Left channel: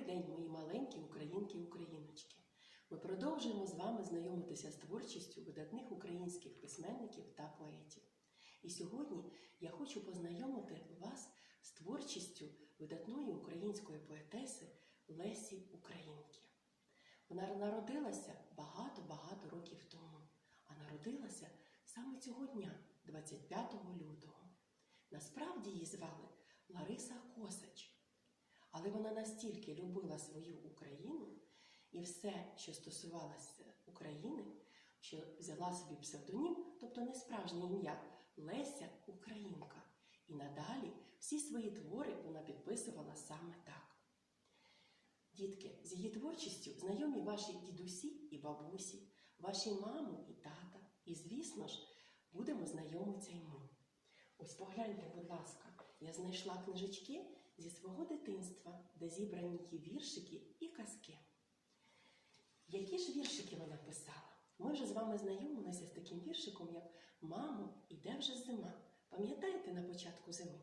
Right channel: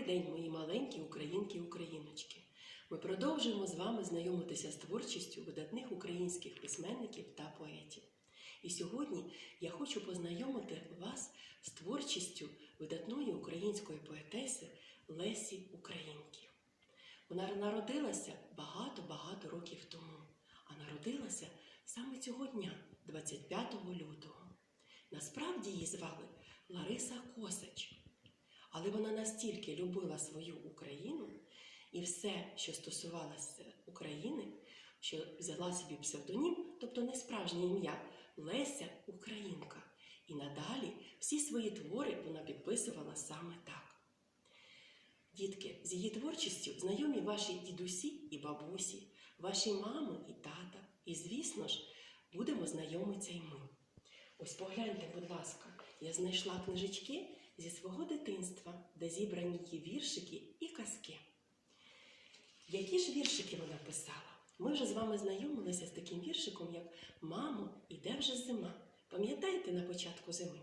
Добрий день, мої маленькі українки і україночки. Ми продовжуємо з вами знайомитися з творчістю видатних українських письменників та поетів. І сьогодні я хочу познайомити вас з творчістю видатної української поетеси Лесі Українки. Вона народилася багато-багато років тому, а народилася саме цього дня, 25 лютого. Насправді її звали. Вона настільки любила свою Україну і все, що стосувалося України, що взяла собі псевдонім, тобто не справжнє ім'я Леся Українка. І надалі всі свої твори вона підписувала саме так. Дітки, з її творчістю знайомі ваші дідусі і бабусі, ваші мами і тата. І, звісно ж, будемо знайомитися і ми. Ось погляньте, будь ласка, я знайшла книжечки зі свого дитинства, де зібрані її віршики і казки. Які ж віршики вона писала? Ми вже з вами знайомилися з таким віршиком, як Мамо, іде вже зима. Пам'ятаєте на початку зими?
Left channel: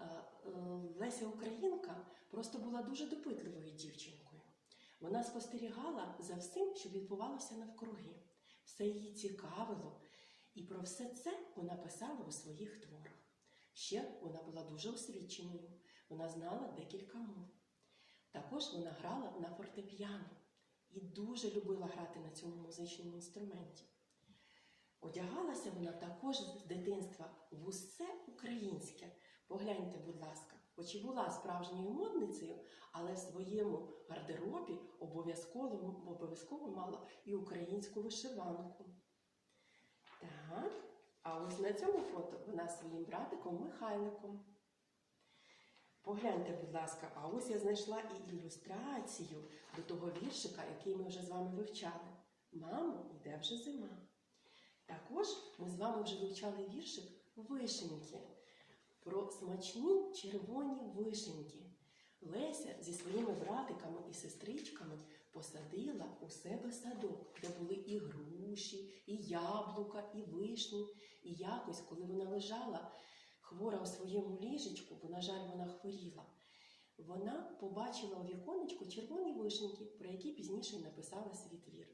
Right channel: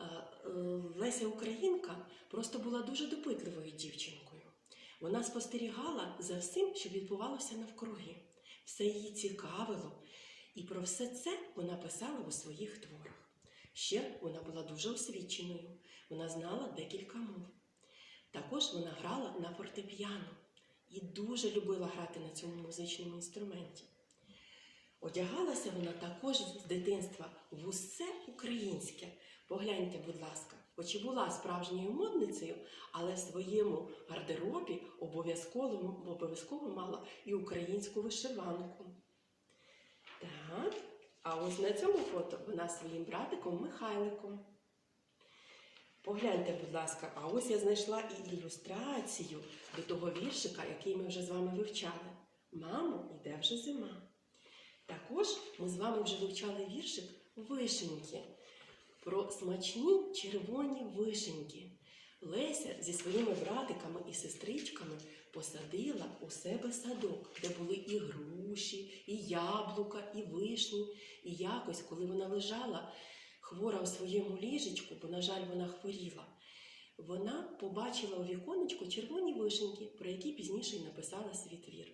Е, Леся Українка просто була дуже допитливою дівчинкою. Вона спостерігала за всім, що відбувалося навкруги. Все її цікавило, і про все це вона писала у своїх творах. Ще вона була дуже освіченою, вона знала декілька мов. Також вона грала на фортепіано і дуже любила грати на цьому музичному інструменті. Одягалася вона також з дитинства в усе українське. Погляньте, будь ласка, хоч і була справжньою модницею, але в своєму гардеробі обов'язково, обов'язково мала і українську вишиванку. Так, а ось на цьому фото вона зі своїм братиком Михайликом. Погляньте, будь ласка, а ось я знайшла і ілюстрацію до того віршика, який ми вже з вами вивчали. Мамо, йде вже зима. Також ми з вами вже вивчали віршик Вишеньки про смачні червоні вишеньки. Леся зі своїми братиками і сестричками у себе садок, де були і груші, і яблука, і вишні. І якось, коли вона лежала хвора у своєму ліжечку, бо, на жаль, вона хворіла, вона побачила у віконечку червоні вишеньки, про які пізніше й написала свій твір.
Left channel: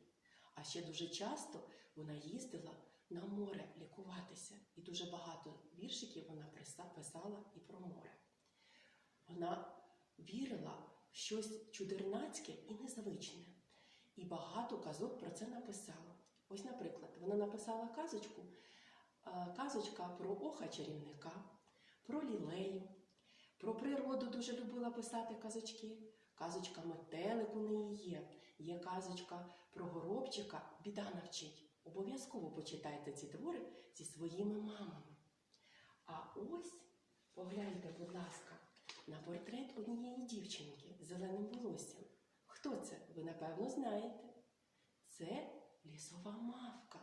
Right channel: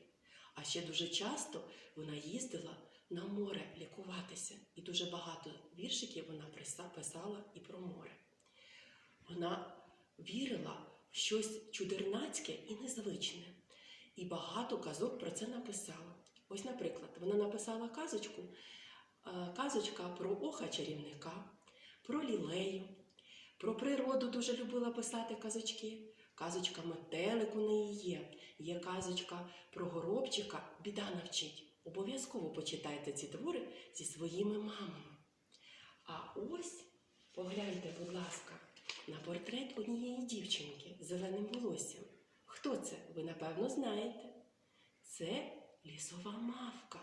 А ще дуже часто вона їздила на море лікуватися, і дуже багато віршиків вона писала і про море. Вона вірила в щось чудернацьке і незвичне. І багато казок про це написала. Ось, наприклад, вона написала казочку, казочка про оха чарівника, про лілею, про природу дуже любила писати казочки. Казочка метелик у неї є. Є казочка про горобчика Біда навчить. Обов'язково почитайте ці твори зі своїми мамами. А ось погляньте, будь ласка, на портрет однієї дівчинки з зеленим волоссям. Хто це? Ви напевно знаєте. Це лісова мавка.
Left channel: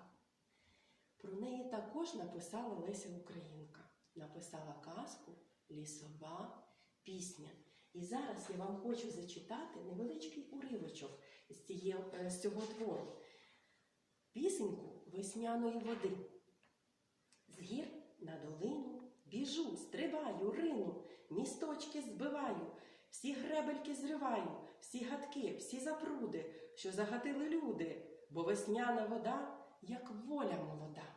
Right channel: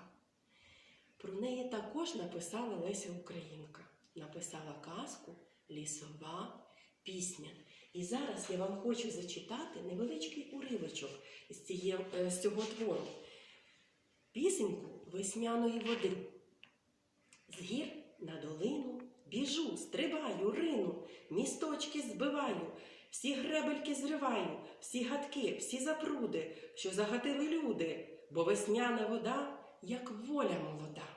Про неї також написала Леся Українка. Написала казку Лісова пісня. І зараз я вам хочу зачитати невеличкий уривочок е, з цього твору. Пісеньку весняної води. З гір на долину біжу, стрибаю, рину, місточки збиваю, всі гребельки зриваю, всі гадки, всі запруди, що загатили люди, бо весняна вода, як воля молода.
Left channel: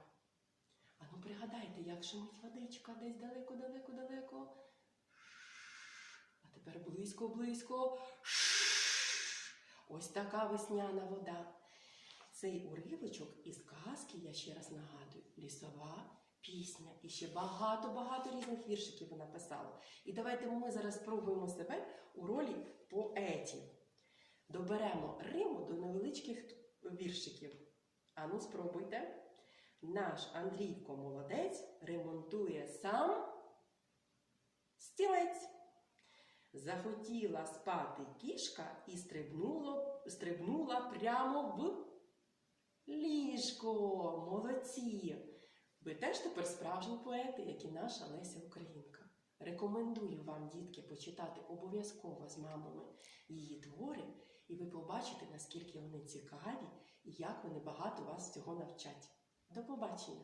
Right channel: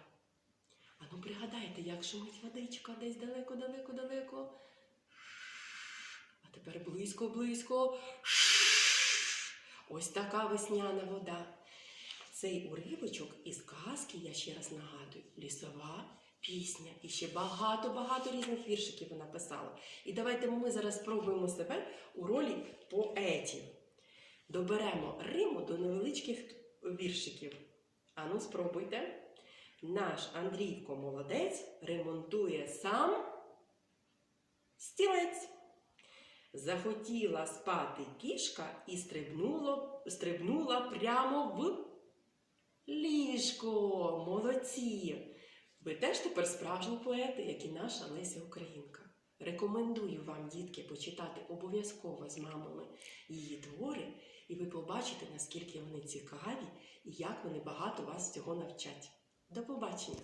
Ану, пригадайте, як шумить водичка десь далеко-далеко-далеко. А тепер близько-близько. Ось така весняна вода. Цей уривочок із казки, я ще раз нагадую, лісова пісня. І ще багато-багато різних віршиків вона писала. І давайте ми зараз спробуємо себе у ролі поетів. Доберемо Риму до невеличких віршиків. Ану, спробуйте. Наш Андрійко молодець ремонтує сам стілець. Захотіла спати кішка і стрибнула прямо в ліжко. Молодці! Ви теж тепер справжні поети, як і наша Леся Українка. Рекомендую вам, дітки, почитати обов'язково з мамами її твори, і ви побачите, наскільки вони цікаві і як вони багато вас цього навчать. До побачення!